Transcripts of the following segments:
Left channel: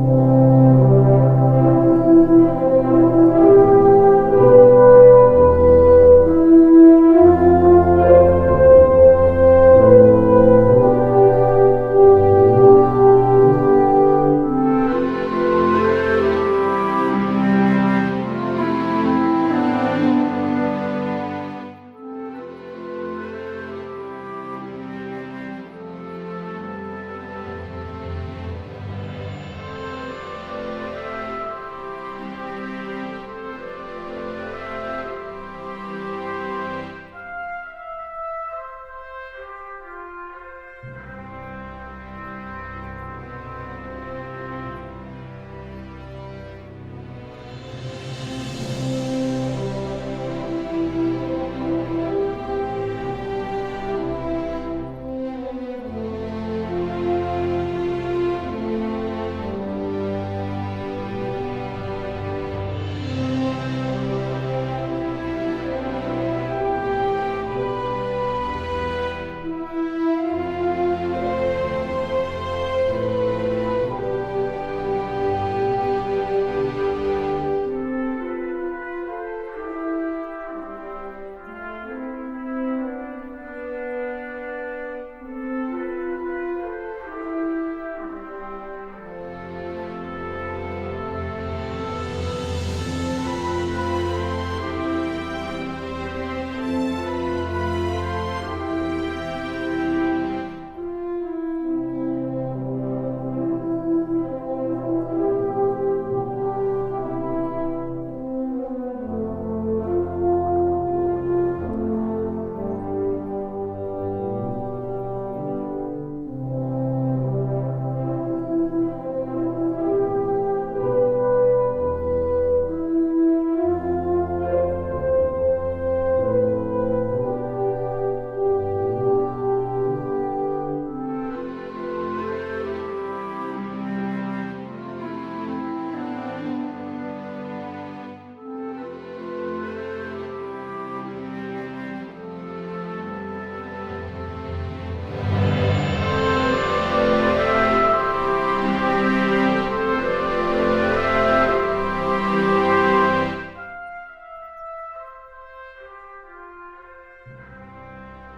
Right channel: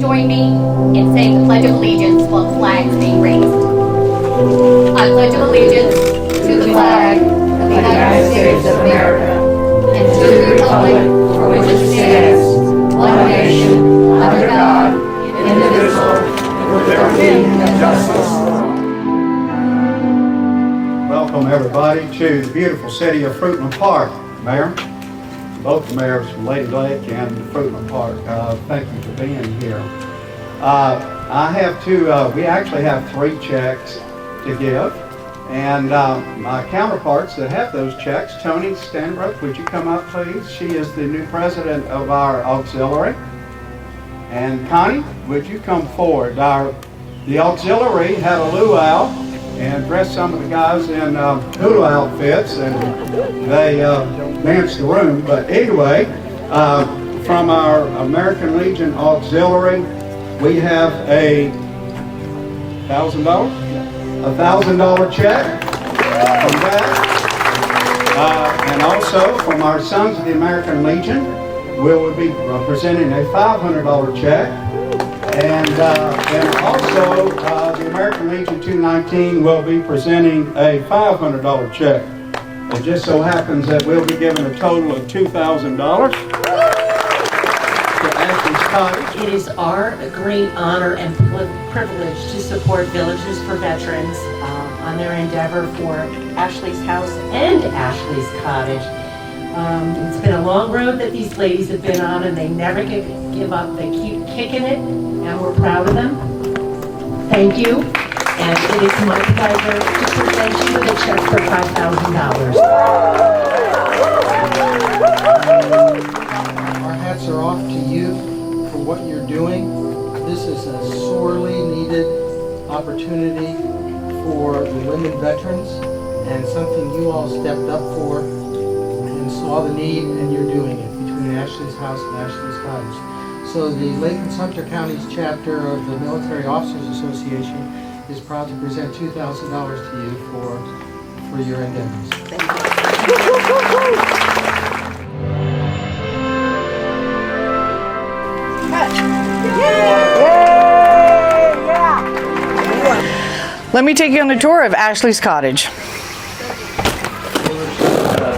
join me in saying the Pledge of Allegiance while flags being raised. I pledge allegiance to the flag of the United States of America and to the republic for which it stands, one nation, under God, indivisible, with liberty and justice. Welcome everybody to the beautiful city of Fruitland Park. Mayor, both the mayors from Lady Lake and Fruitland Park, thank you for being here. I have we actually have 3 checks to give, and my counterparts that have those checks, Tony Stanbrook, would you come up please? She is the new president of our auxiliary. And Connie, would you come forward? The auxiliary had a luau and dressed some of the guys in hula outfits, and they danced the room. But anyway, from our American Legion Auxiliary, we have a $1,000 check from that. And also from our Sons of the American Legion, we will be presenting a $500 check. And also the American Legion 219 will be presenting a $500 check. It just so happens that we'll be giving a total of $2,000 to Ashley's Cottage. It is our great honor and privilege to support Villages for Veterans on their endeavor for Ashley's House and Ashley's Cottage. It's been a long road that these ladies have been on, and they never give up. They keep kicking it, and we're proud of them. Thank you. And it is my pleasure to present you with a check for $5,000. Our hats are off to you for what you're doing. This is a sorely needed opportunity for the women veterans, and something you all stepped up for and saw the need, and you're doing it between Ashley's House and Ashley's Cottage. So the Lake and Sumter County's chapter of the Military Officers Association is proud to present $2,000 to you for your endeavors. Let me take you on a tour of Ashley's Cottage.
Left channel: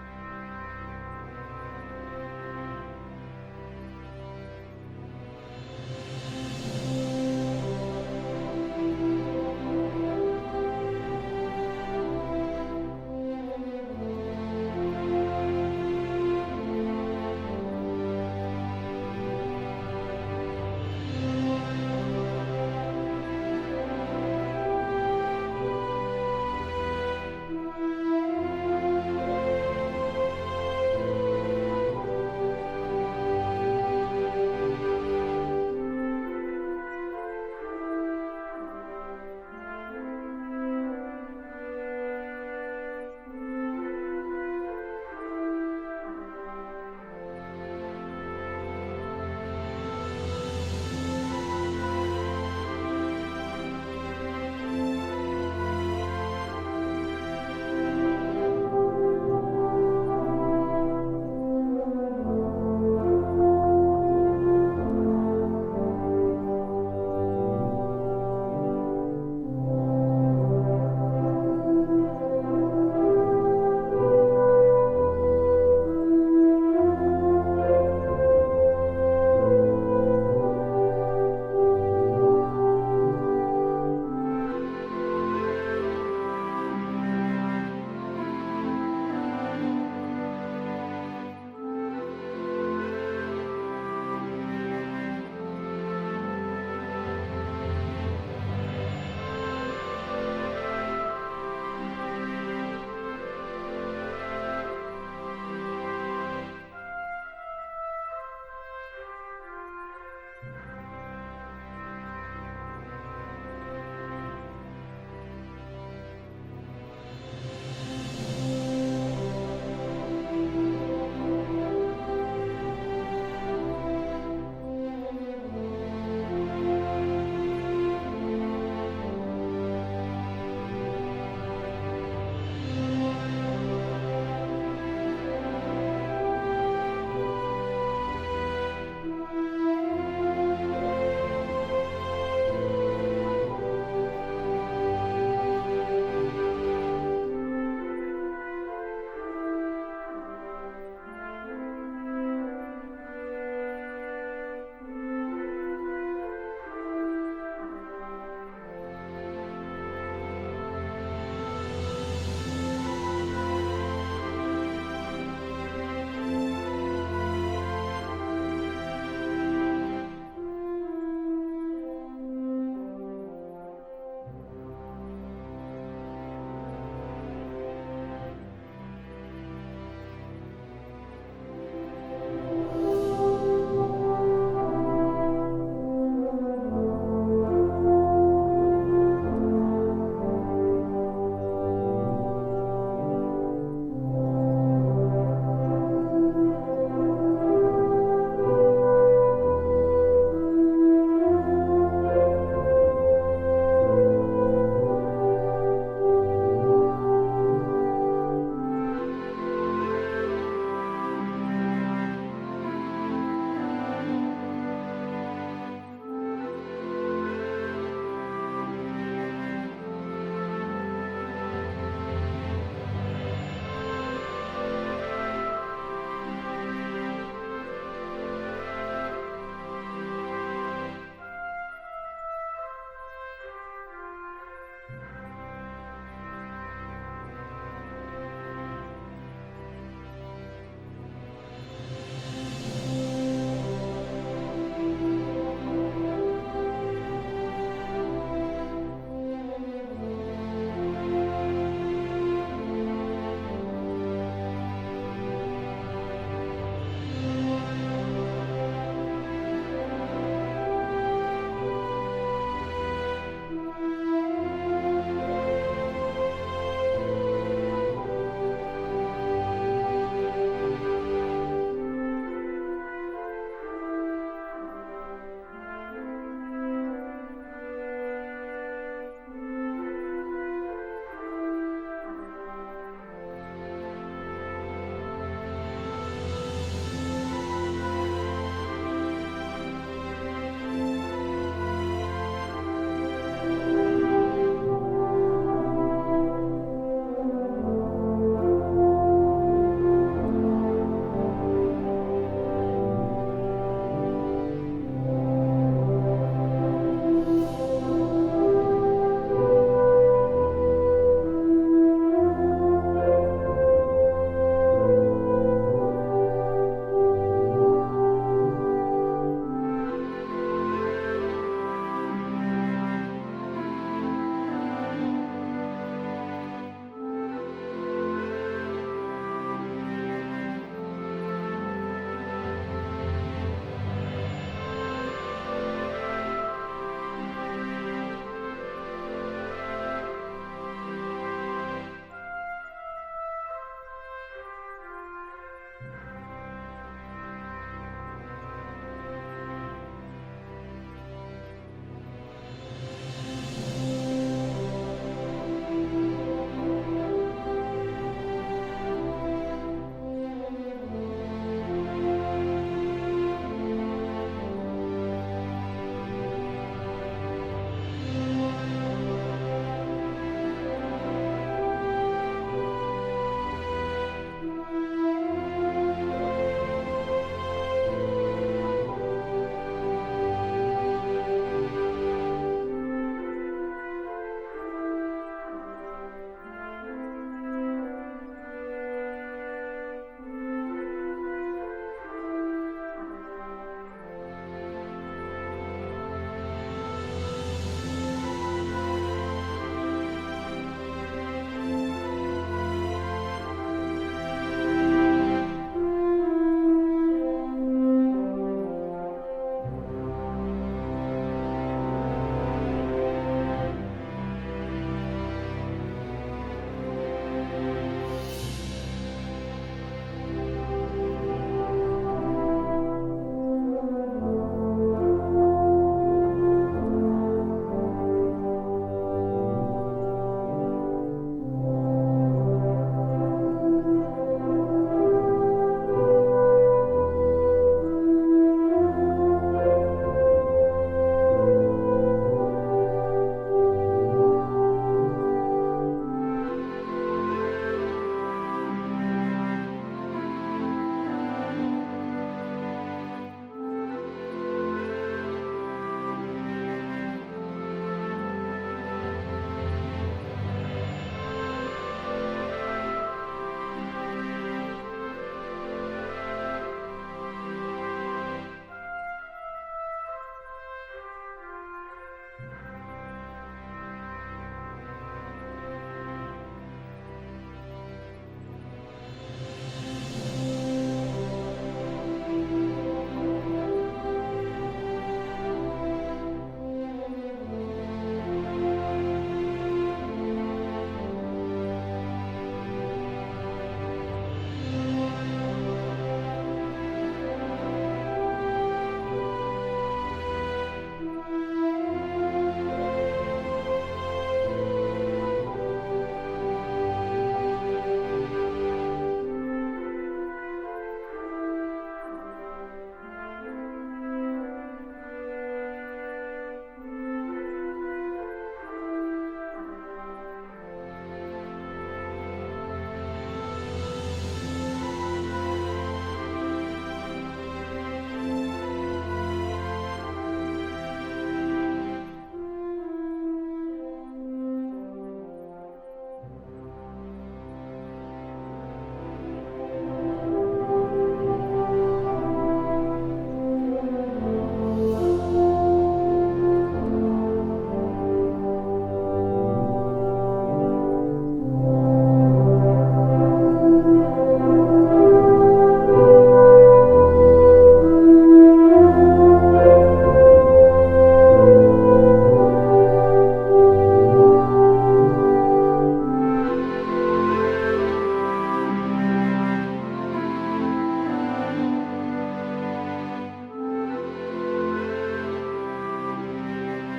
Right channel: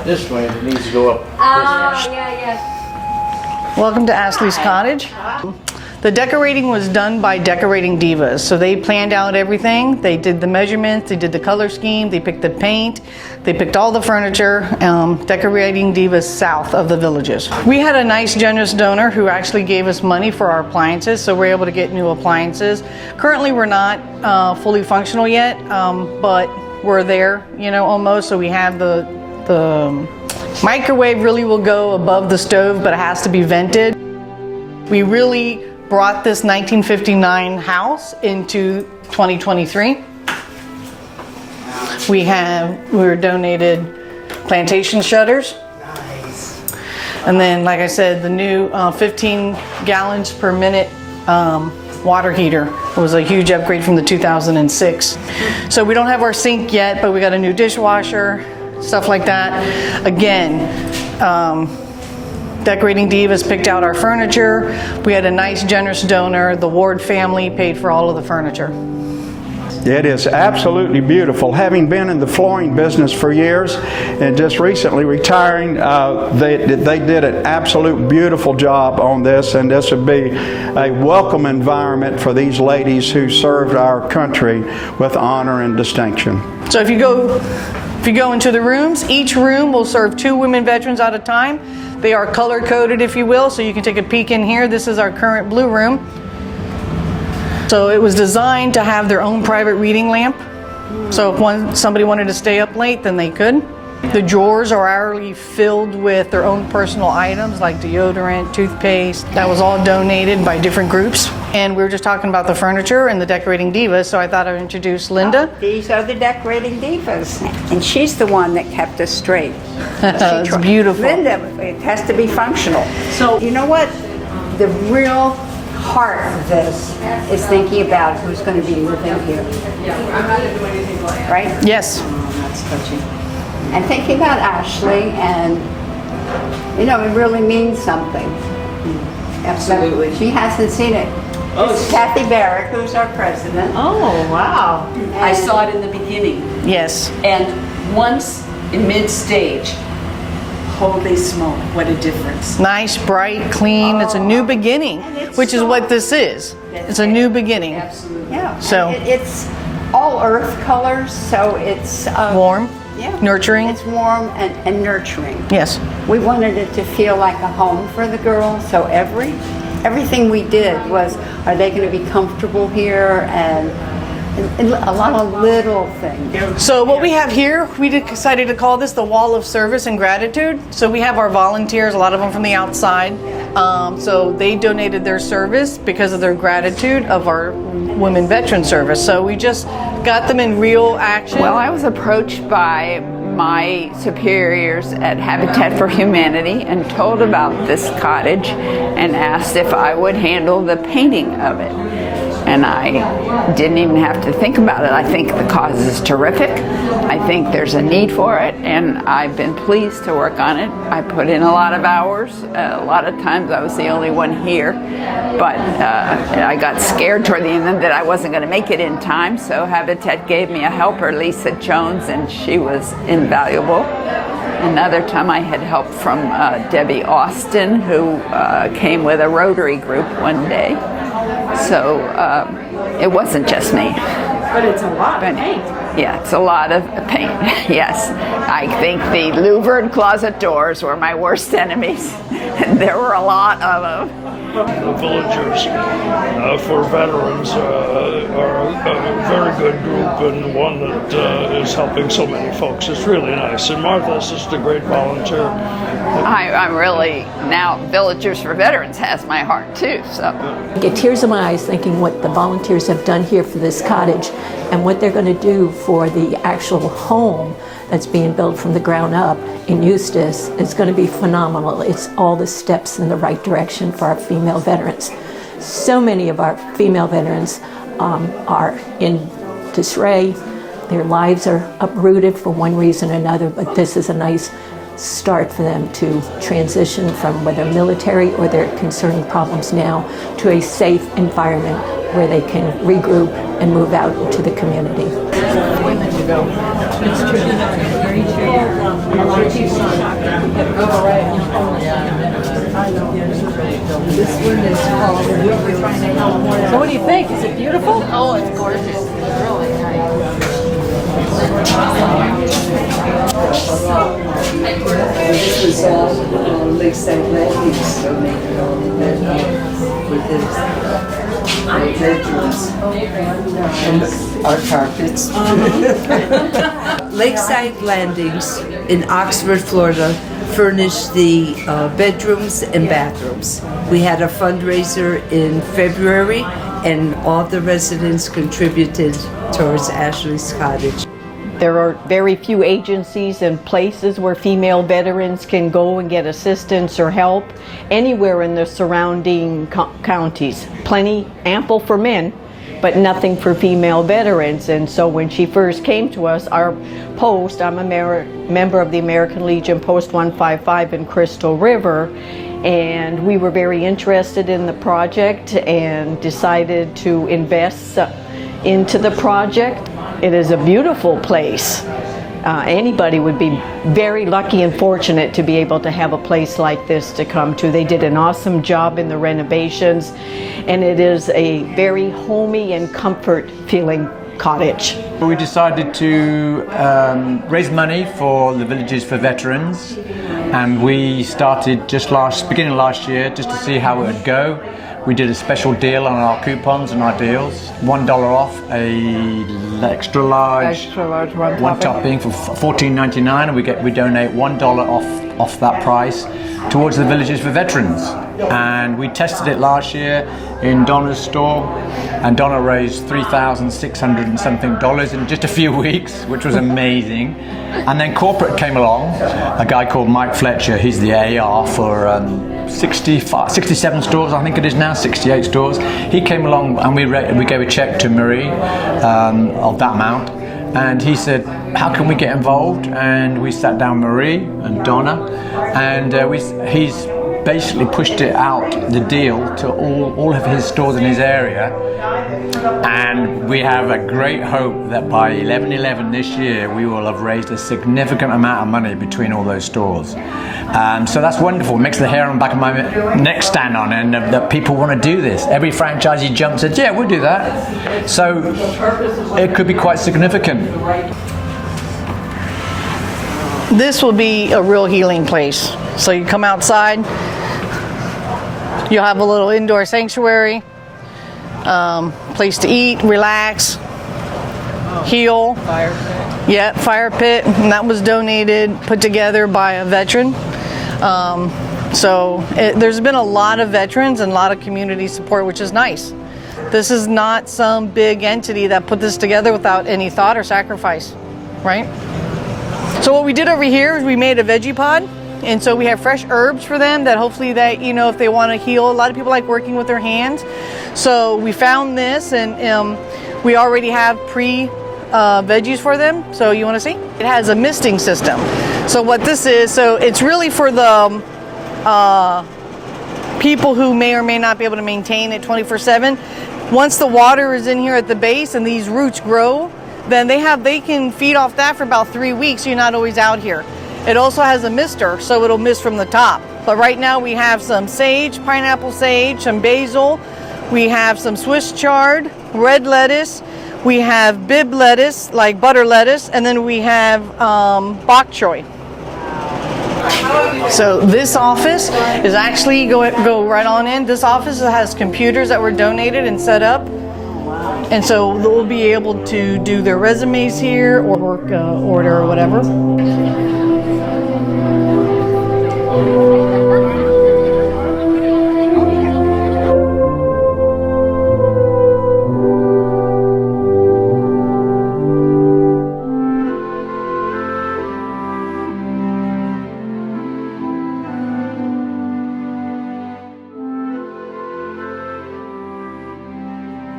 This way, it needs to go up. Yeah. Welcome to Ashley's Cottage. The decorating was done by Decorating Divas. So they planned out everything. They did the measurements, they did the color scheme, they picked the paint, they picked all the furniture, Decorating Divas south of the Villages. We had a nice generous donor who actually gave us money for our appliances, so we're able to get new appliances. Currently we're not fully functional yet, but we're there, almost. So we have the microwave really will go above the stove, but it has to be vented. We really brought this 1959 house into 2023. We were donated plantation shutters. Nice. And then, like I said, the new 15 gallons per minute water heater. It was a huge upgrade from the 2006. So we don't have our sink yet, but we got a new dishwasher, stuff like that. Again, Decorating Divas picked out our furniture. We had a nice, generous donor. The Ward family paid for all of the furniture. It is absolutely beautiful. Having been in the flooring business for years and just recently retiring, they did an absolute beautiful job on this, and this would be a welcome environment for these ladies who served our country with honor and distinction. So if you go into the rooms, each room will serve 2 women veterans at a time. They are color-coded, if you will, so you can take a peek in here. This is our current blue room. So it was designed to have their own private reading lamp. So if somebody wanted to stay up late, then they could. The drawers are already filled with their own personal items like deodorant, toothpaste. That was all donated by different groups. And we were just talking about the furniture and the Decorating Divas, so I thought I'd introduce Linda. These are the Decorating Divas, and she's the one that kept us straight. It's beautiful. Linda, it has to be functional. So you know what? The real heart of this is thinking about who's going to be living here. Right? Yes. That's touching. And thinking about Ashley, and it really means something. Absolutely. She hasn't seen it This is Kathy Barrick, who's our president. Oh, wow. I saw it in the beginning, Yes. and once in mid-stage, holy smoke, what a difference. Nice, bright, clean. It's a new beginning, which is what this is. It's a new beginning. Yeah. So- and it's all earth colors, so it's Warm, yeah, nurturing. It's warm and nurturing. Yes. We wanted it to feel like a home for the girls, so everything we did was, are they going to be comfortable here, and a lot of little things. So what we have here, we decided to call this the Wall of Service and Gratitude. So we have our volunteers, a lot of them from the outside. So they donated their service because of their gratitude of our women veteran service. So we just got them in real action. Well, I was approached by my superiors at Habitat for Humanity and told about this cottage and asked if I would handle the painting of it. And I didn't even have to think about it. I think the cause is terrific. I think there's a need for it, and I've been pleased to work on it. I put in a lot of hours. A lot of times I was the only one here, but I got scared toward the end that I wasn't going to make it in time, so Habitat gave me a helper, Lisa Jones, and she was invaluable. Another time I had help from Debbie Austin, who came with a Rotary group one day. So it wasn't just me. But it's a lot of paint. Yeah, it's a lot of paint, yes. I think the louvered closet doors were my worst enemies. There were a lot of them. The villagers for veterans are a very good group, and one that is helping so many folks. It's really nice. And Martha's just a great volunteer. I'm really, now Villagers for Veterans has my heart too, so. I get tears in my eyes thinking what the volunteers have done here for this cottage and what they're going to do for the actual home that's being built from the ground up in Eustis. It's going to be phenomenal. It's all the steps in the right direction for our female veterans. So many of our female veterans are in disarray. Their lives are uprooted for one reason or another, but this is a nice start for them to transition from whether military or their concerning problems now to a safe environment where they can regroup and move out into the community. So what do you think? Is it beautiful? Oh, it's gorgeous. It's really nice. This was Lakeside Landings donated all of that for this. Our bedrooms and our carpets. Lakeside Landings in Oxford, Florida furnished the bedrooms and bathrooms. We had a fundraiser in February, and all the residents contributed towards Ashley's Cottage. There are very few agencies and places where female veterans can go and get assistance or help anywhere in the surrounding counties. Plenty, ample for men, but nothing for female veterans. And so when she first came to us, our post, I'm a member of the American Legion Post 155 in Crystal River, and we were very interested in the project and decided to invest into the project. It is a beautiful place. Anybody would be very lucky and fortunate to be able to have a place like this to come to. They did an awesome job in the renovations, and it is a very homey and comfort-feeling cottage. We decided to raise money for the Villages for Veterans, and we started just beginning of last year just to see how it would go. We did a special deal on our coupons and our deals. $1 off a extra large one topping for $14.99, and we donate $1 off that price towards the Villages for Veterans. And we tested it last year in Donna's store, and Donna raised $3,600 and something in just a few weeks, which was amazing. And then corporate came along, a guy called Mike Fletcher. He's the AR for 67 stores, I think it is now, 68 stores. He came along and we gave a check to Marie of that amount, and he said, how can we get involved? And we sat down Marie and Donna, and he's basically pushed it out, the deal, to all of his stores in his area. And we have a great hope that by 11/11 this year, we will have raised a significant amount of money between all those stores. So that's wonderful. It makes the hair on the back of my neck stand on end that people want to do this. Every franchisee jumps and says, yeah, we'll do that. So it could be quite significant. This will be a real healing place. So you come outside, you'll have a little indoor sanctuary, place to eat, relax, heal. Fire pit. Yeah, fire pit, and that was donated, put together by a veteran. There's been a lot of veterans and a lot of community support, which is nice. This is not some big entity that put this together without any thought or sacrifice, right? So what we did over here is we made a veggie pod, and so we have fresh herbs for them that hopefully that, you know, if they want to heal. A lot of people like working with their hands. So we found this, and we already have veggies for them. So you want to see? It has a misting system. So what this is, so it's really for the people who may or may not be able to maintain it 24/7. Once the water is in here at the base and these roots grow, then they can feed off that for about 3 weeks. You're not always out here. It also has a mister, so it'll mist from the top. But right now we have some sage, pineapple sage, some basil. We have some Swiss chard, red lettuce. We have bib lettuce, like butter lettuce, and then we have bok choy. So this office is actually, go right on in. This office has computers that were donated and set up. And so they'll be able to do their resumes here or work order or whatever.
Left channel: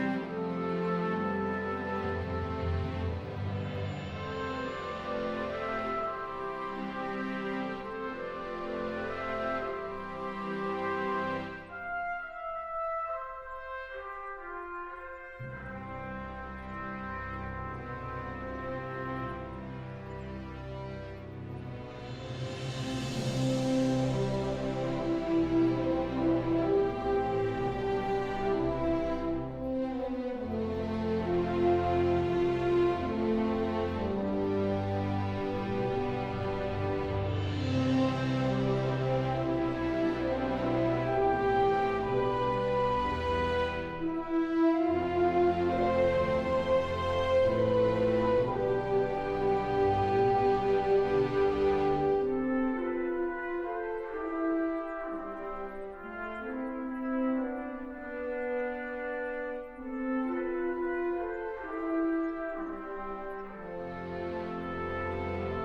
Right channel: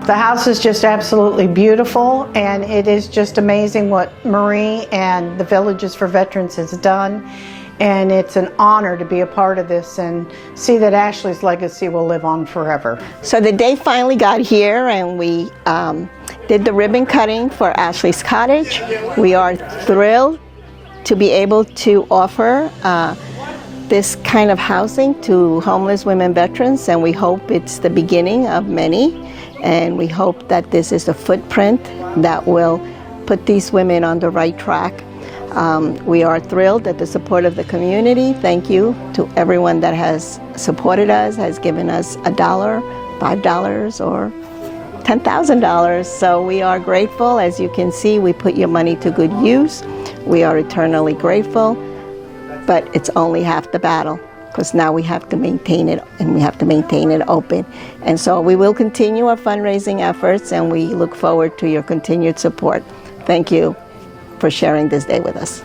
The house is just absolutely beautiful, and it is just amazing what Marie and the Villages for Veterans has done. And it's an honor to be a part of this and see that Ashley's legacy will live on forever. So the day finally got here, and we did the ribbon cutting for Ashley's Cottage. We are thrilled to be able to offer this kind of housing to homeless women veterans, and we hope it's the beginning of many. And we hope that this is a footprint that will put these women on the right track. We are thrilled at the support of the community. Thank you to everyone that has supported us, has given us $1, $5, or $10,000. So we are grateful. As you can see, we put your money to good use. We are eternally grateful, but it's only half the battle, because now we have to maintain it, and we have to maintain it open. And so we will continue our fundraising efforts, and we look forward to your continued support. Thank you for sharing this day with us.